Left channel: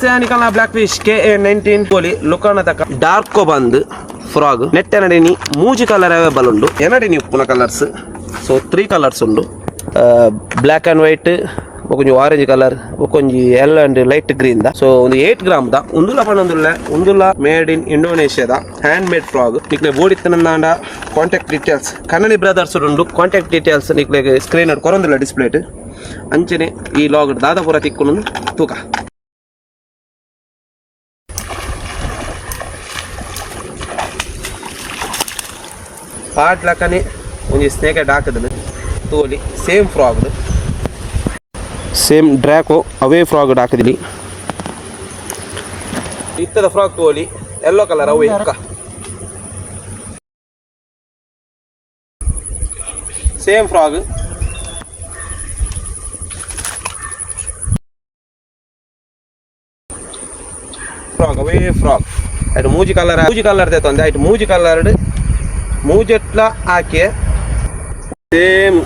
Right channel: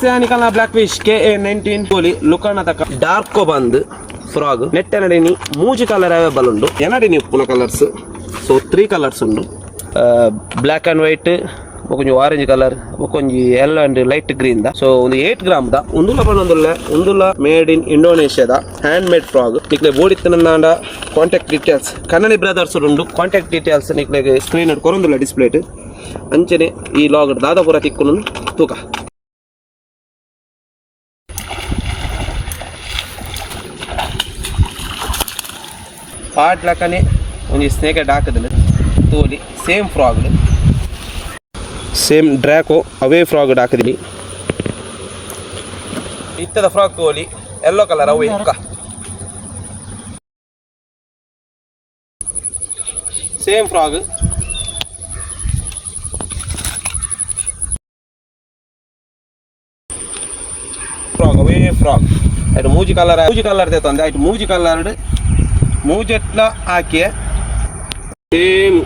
Oceanica black fish KA19 poli lukana taka dark band frog net enadini mooji color available undu enadini uppuna colors so 3 colors undu black and white okonji orange color okonji yellow and light green da so ಒಂದು 8 gram da undula panondulla undula made in Indonesia da handmade frog nikle bodittananda contact details Kannani brothers undu contact details nikle screen ad korondula display ಅಂಚನೆ ಈ log ದಾದ ಪೂರ ತಿಕ್ಕೊಂಡು ತೂಕ pot ಲಕ್ಕನೆ ಒಂಜಿ snake head ಹಾಕದನು ತೋಲಿ ಸೇಮ್ ಫ್ರಾಗ್ ಸೇಮ್ ಡ್ರ್ಯಾಕೋ ಅವೇ ಫ್ರಾಗ್ ಹಾಕದಿಲಿ ಇತ್ತದ ಫ್ರಾಗ್ ತೋಲಿ ಯೆಲ್ಲೋ ಕಲರ್ ಅವೇ same frog frog away frog at mooji color de tonde at mooji color moojetla hakiye same